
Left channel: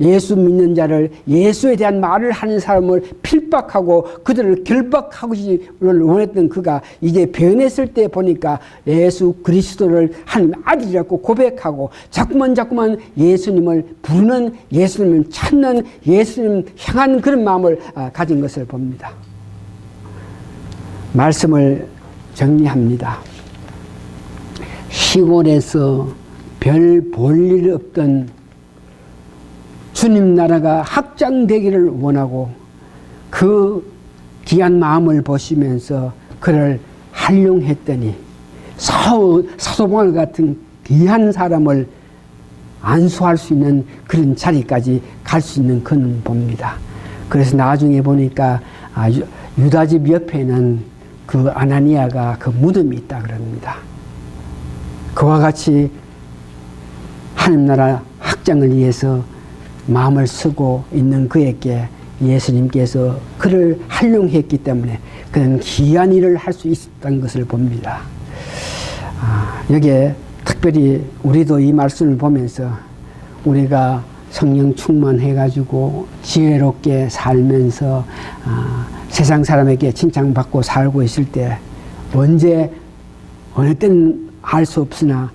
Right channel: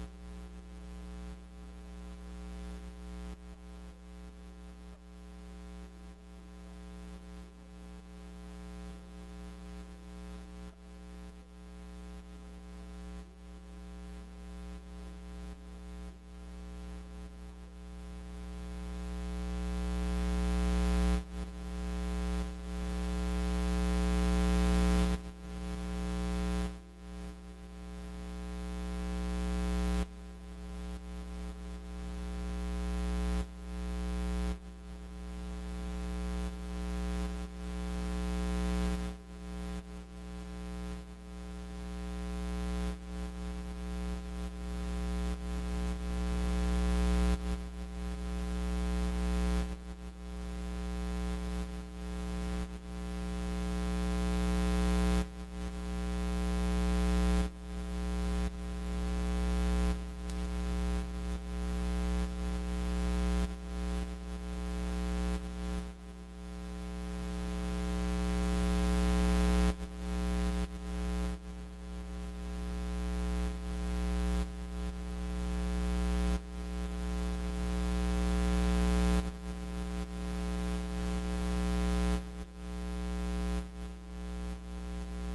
예수 믿는 자를, 예수에 대한 말을 하는 사람을 필박하고 그들을 결박하기를 원했던 그가 이제 변했을 때 보니까 예수 그리스도를 하나님 아들이라고 고백하고 자꾸만 예수님을 부르는, 예수님을 찾는, 예수님 향한 그런 마음을 가진 것을 봅니다. 말씀을 정리합니다. 시골에서 별 볼 일 없던 주님 나라가 확장되기를 원하고 그 귀한 마음을 보시면서 그를 활용했더니 사도바울 같은 귀한 사람을 안수할 수 있는 그런 자리까지 갈 수 있는 그는 봅니다. 그래서 나중에 보니까 유다집 옆에는 그 아나니아가 그 무덤이 있다 그럽니다. 그와 같이 하나님 나라 확장을 위해서 마음을 쓰고 있는 그에게 예수님께서 그를 활용했기 때문에 그는 귀한 일을 할 수 있었다는 것을 봅니다. 여기에 특별히 우리도 이 말씀을 보면서 우리가 성령 충만해가지고 지혜롭게 살면서 세상 사람에게 칭찬받고 살고 있을 때 언제 어느 때는 알 수 없으나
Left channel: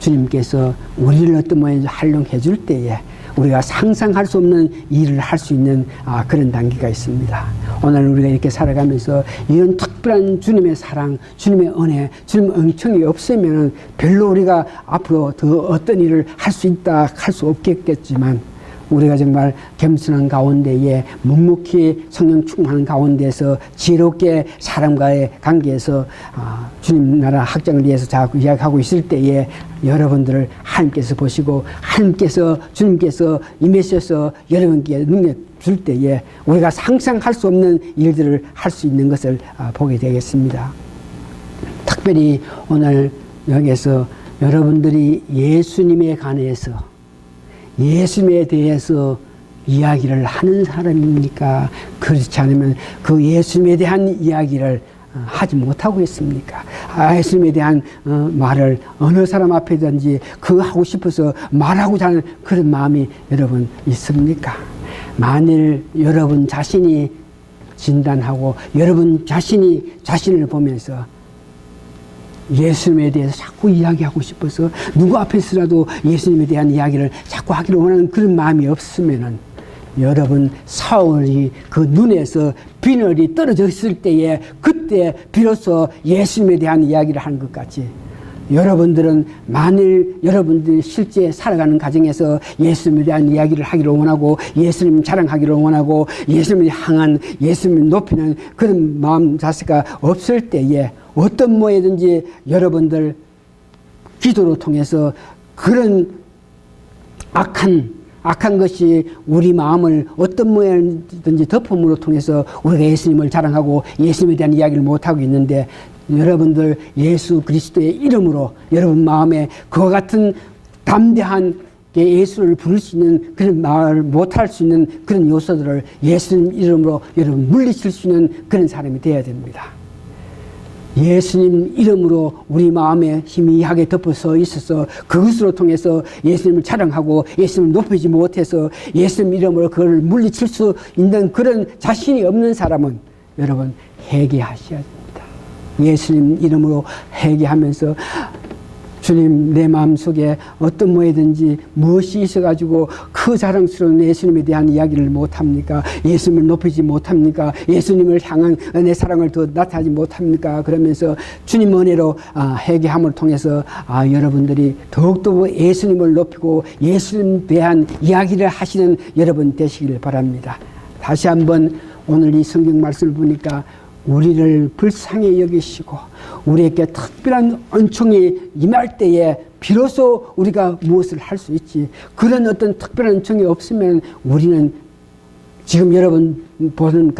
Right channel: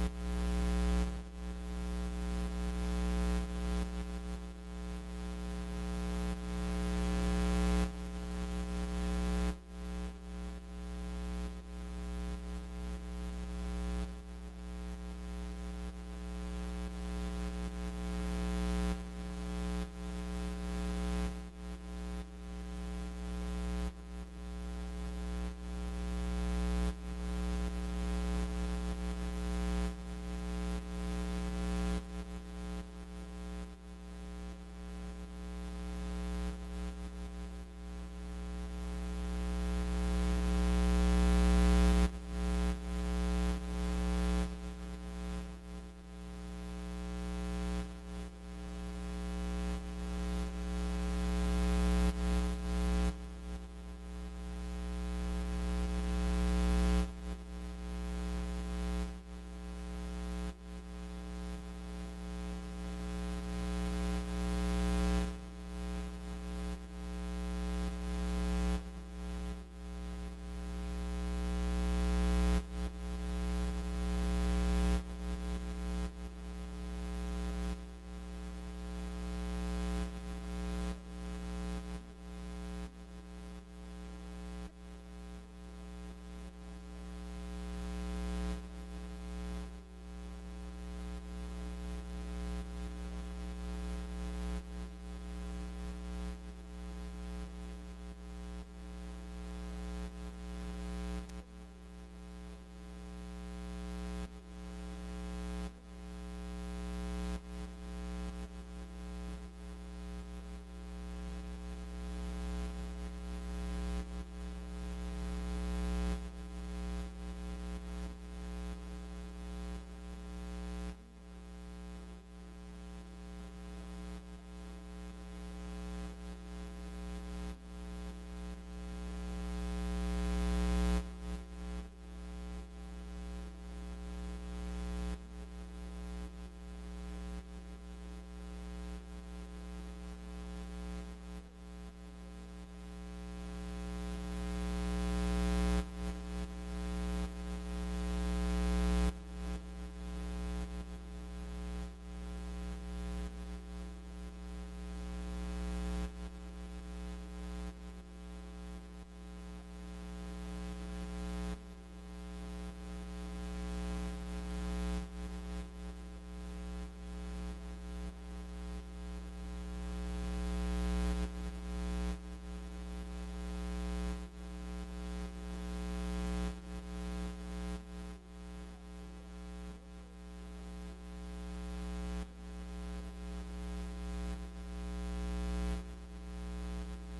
주님께서 우리를 어떤 모양으로 활용해 줄 때에 우리가 상상할 수 없는 일을 할 수 있는 그런 단계가 있습니다. 오늘 우리가 이렇게 살아가면서 이런 특별한 주님의 사랑, 주님의 은혜, 주님의 은총이 없으면 별로 우리가 앞으로 더 어떤 일을 할 수 있다 할 수 없겠지만 우리가 정말 겸손한 가운데에 묵묵히 성령 충만한 가운데서 지혜롭게 사람과의 관계에서 주님 나라 확장을 위해서 자꾸 이야기하고 있을 때에 여러분들을 하나님께서 보시고 하나님께서 주님께서 임하셔서 여러분께 능력 줄 때에 우리가 상상할 수 없는 일들을 할 수 있는 것을 보게 되겠습니다. 특별히 오늘 여기에서 여러분들이 예수님에 관해서 예수님에 대해서 이야기를 하는 사람입니까? 그렇지 않으면 그 예수님에 대한 이야기를 하지 못하고 있습니까? 예수님에 대한 말을 어느 사람 앞에든지 그거 하고 싶어서 말하고자 하는 그런 마음이 여러분 있습니까? 만일 여러분 자신이 진단하고 여러분 자신이 자신을 보면서 예수님에 대해서 자꾸 이야기하고 싶어서 누구 앞에서라도 예수님에 대한 이야기를 자꾸 하기를 원하는 그런 마음이 없으면은 여러분 사울이 그 눈에서 비늘이 떨어졌을 때에 그때 비로소 예수님에 대한 이야기를 하는 것 같이 여러분들은 만일 여러분들이 실제 살아가는 가정에서 예수님에 대한 이야기를 하기를 원하고 예수님 자랑하기를 원하고 예수님을 향한 예수님을 높이는 그런 마음 자세가 없을 때에 어떤 모에든지 여러분들 기도로 통해서 그런 악한 것이 우리 마음을 어떤 모양이든지 덮음으로 통해서 우리가 예수님을 자랑하고 예수님에 대한 이야기를 못하고 있는데 여러분들 예수 그리스도의 이름으로 여러분 마음에 그와 같은 담대한 예수를 부를 수 있는 그런 말을 못할 수 있는 그런 요소들을 예수님 이름으로 여러분 물리칠 수 있는 그런 사람이 되어야 됩니다. 예수님 이름으로 우리 마음에 희미하게 덮어서 있어서 그것으로 통해서 예수님을 자랑하고 예수님을 높이지 못해서 예수님 이름으로 그걸 물리칠 수 있는 그런 자신이 없는 사람은 여러분 회개하셔야 됩니다. 예수님 이름으로 회개하면서 주님, 내 마음속에 어떤 뭐든지 무엇이 있어가지고 그 자랑스러운 예수님에 대한 이야기를 못합니까? 예수님을 높이지 못합니까? 예수님을 향한 내 사랑을 더 나타내지 못합니까? 그러면서 주님 은혜로 회개함을 통해서 여러분들이 더욱더 예수님을 높이고 예수님에 대한 이야기를 하시는 여러분 되시길 바랍니다. 다시 한번 오늘 이 성경 말씀을 보니까 우리를 불쌍히 여기시고 우리에게 특별한 은총이 임할 때에 비로소 우리가 무엇을 할 수 있지. 그런 어떤 특별한 은총이 없으면 우리는 지금 여러분 보는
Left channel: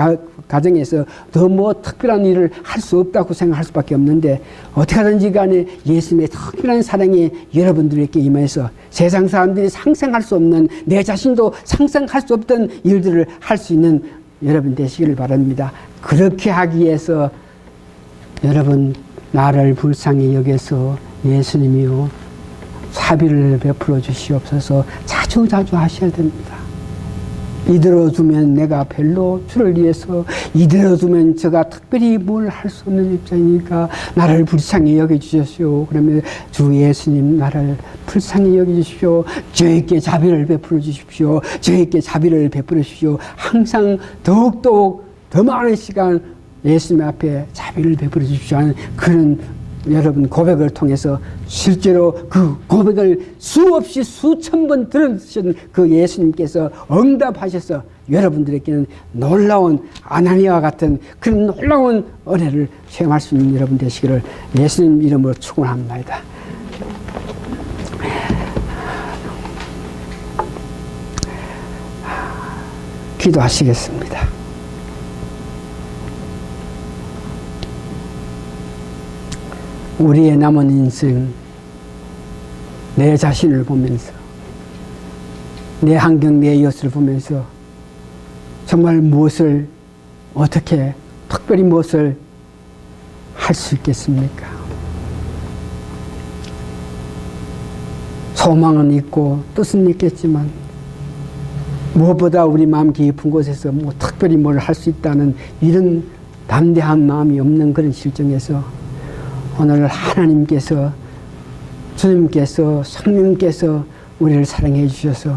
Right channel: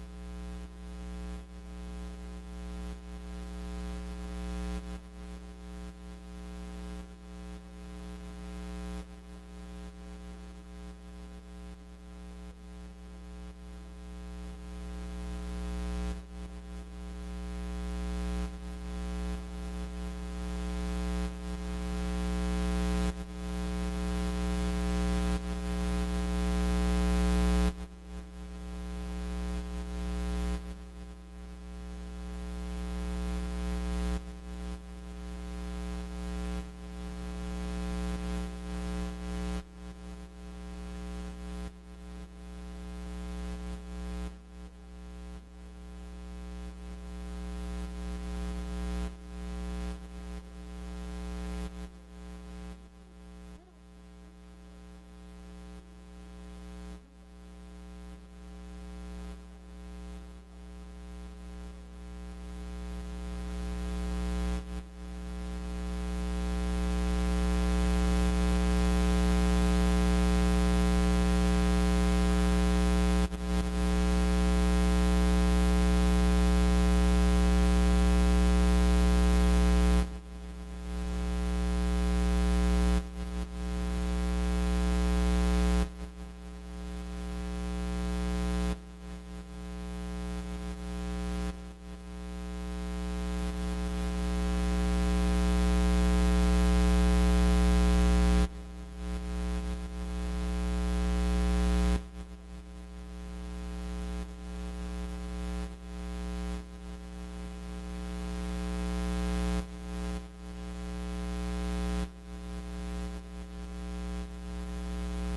가정에서 더 뭐 특별한 일을 할 수 없다고 생각할 수밖에 없는데, 어떻게 하든지 간에 예수님의 특별한 사랑이 여러분들에게 임해서 세상 사람들이 상상할 수 없는, 내 자신도 상상할 수 없던 일들을 할 수 있는 여러분 되시기를 바랍니다. 그렇게 하기 위해서 여러분, 나를 불쌍히 여겨서 예수님이요 자비를 베풀어 주시옵소서 자주 하셔야 됩니다. 이대로 두면 내가 별로 주를 위해서, 이대로 두면 제가 특별히 뭘 할 수 없는 입장이니까 나를 불쌍히 여겨주십시오. 그러면 주 예수님, 나를 불쌍히 여겨주십시오. 저에게 자비를 베풀어 주십시오. 저에게 자비를 베풀어 주십시오. 항상 더욱더욱 더 많은 시간 예수님 앞에 자비를 베풀어 주십시오 하는 그런 여러분 고백을 통해서 실제로 그 고백을 수없이 수천 번 들으신 그 예수님께서 응답하셔서 여러분들에게는 놀라운 아나니아와 같은 그런 놀라운 은혜를 체험할 수 있는 여러분 되시기를 예수님 이름으로 축원합니다. 기도하시겠습니다. 우리의 남은 인생, 내 자신을 보면서, 내 환경, 내 이웃을 보면서 정말 무엇을, 어떻게, 특별히 무엇을 할 수 있겠습니까? 소망은 있고 뜻은 있겠지만 무엇보다 우리 마음 깊은 곳에서 뭐 특별히 뭘 할 수 있다는 이런 담대한 마음이 없는 그런 실정에서 오늘 하나님께서, 주님께서, 성령께서 우리를 사랑해 주셔서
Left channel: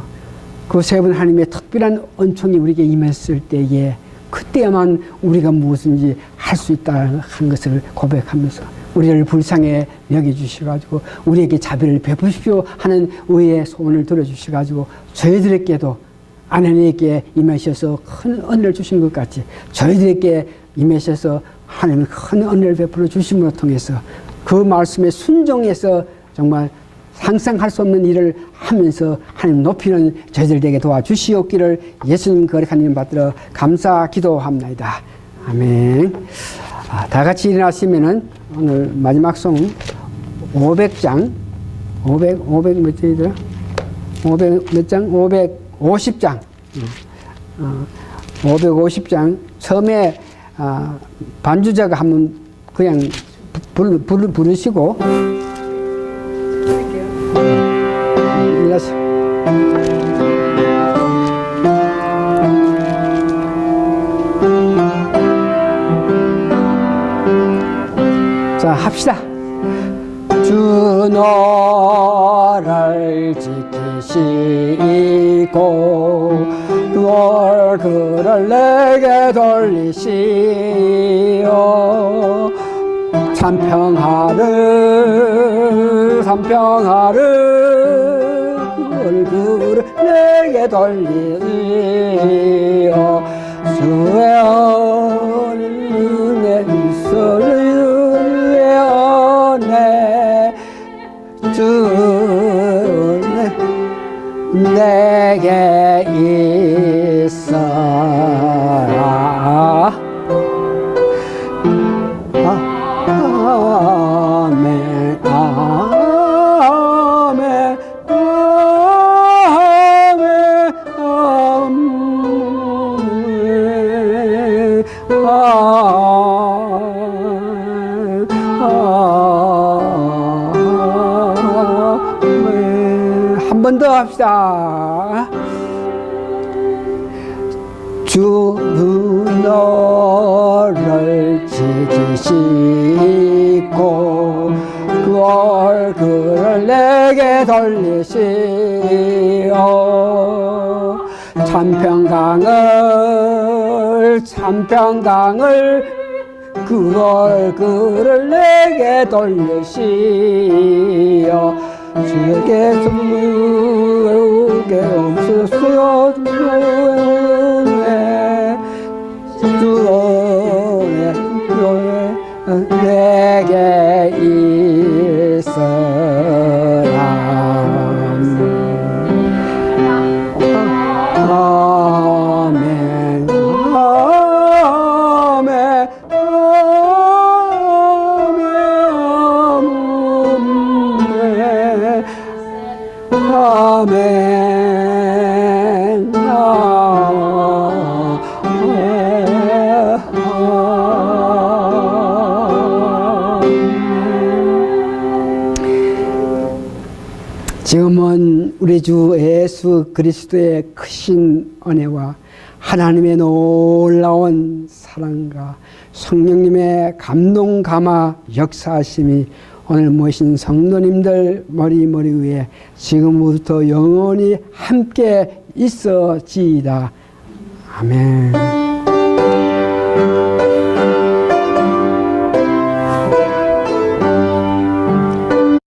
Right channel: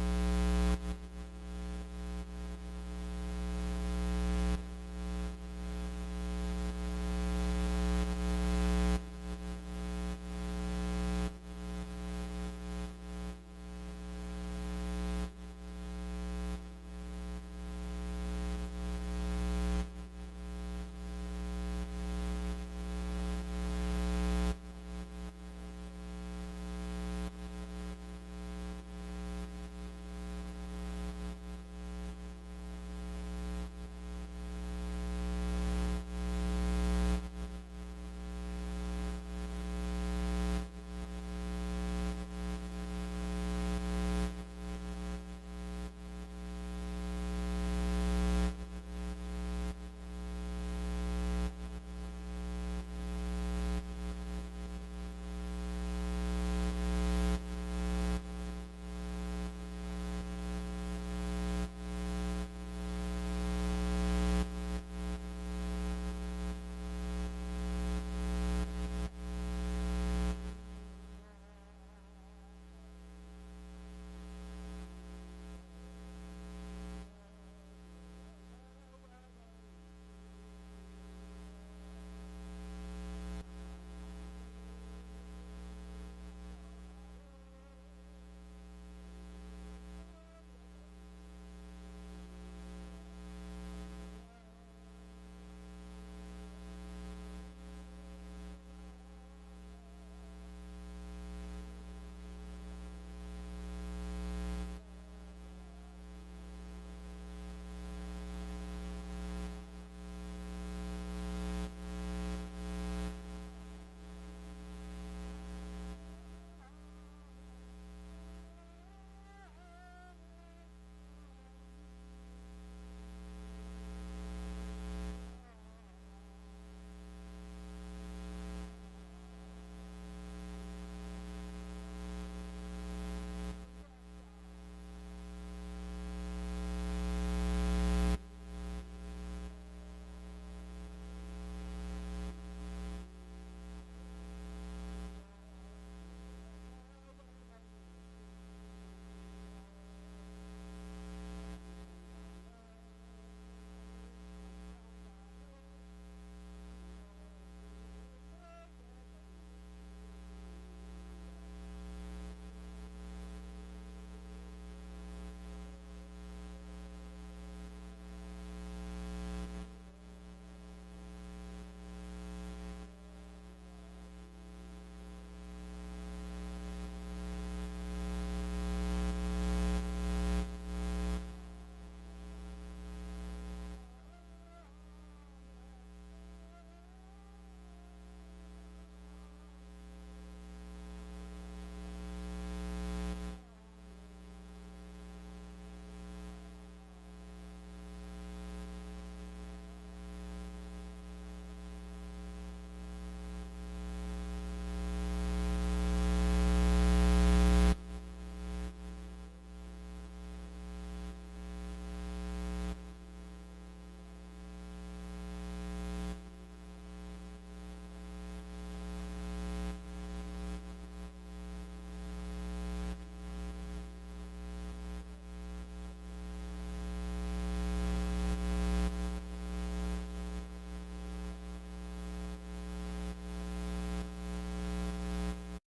그 세 분 하나님의 특별한 은총이 우리에게 임했을 때에 그때야만 우리가 무엇인지 할 수 있다는 것을 고백하면서 우리를 불쌍히 여겨주셔가지고 우리에게 자비를 베푸십시오 하는 의의 소원을 들어주셔가지고 저희들에게도 하나님에게 임하셔서 큰 은혜를 주신 것 같이 저희들에게 임하셔서 하나님은 큰 은혜를 베풀어 주심으로 통해서 그 말씀에 순종해서 정말 상상할 수 없는 일을 하면서 하나님 높이는 저희들에게 도와주시옵기를 예수님 거룩한 이름 받들어 감사 기도합니다. 아멘. 다 같이 일어나시면은 오늘 마지막 송 500장 500 몇 장이더라? 500 몇 장? 550장 550장 처음에 반주자가 한번 그냥 부르시고 자 합시다. 주 너를 지키시고 그 얼굴을 내게 돌리시오. 삼평하를 그 얼굴을 내게 돌리시오. 주의 은혜 주의 은혜 주 내게 있어라. 아멘 아멘 한 번 더 합시다. 주 너를 지키시고 그 얼굴 내게 돌리시오. 참평강을 그를 내게 돌리시오. 주에게 주게 없으시오. 내게 있으라. 아멘. 지금은 우리 주 예수 그리스도의 크신 은혜와 하나님의 놀라운 사랑과 성령님의 감동 감화 역사하심이 오늘 모신 성도님들 머리 위에 지금부터 영원히 함께 있어지이다. 아멘.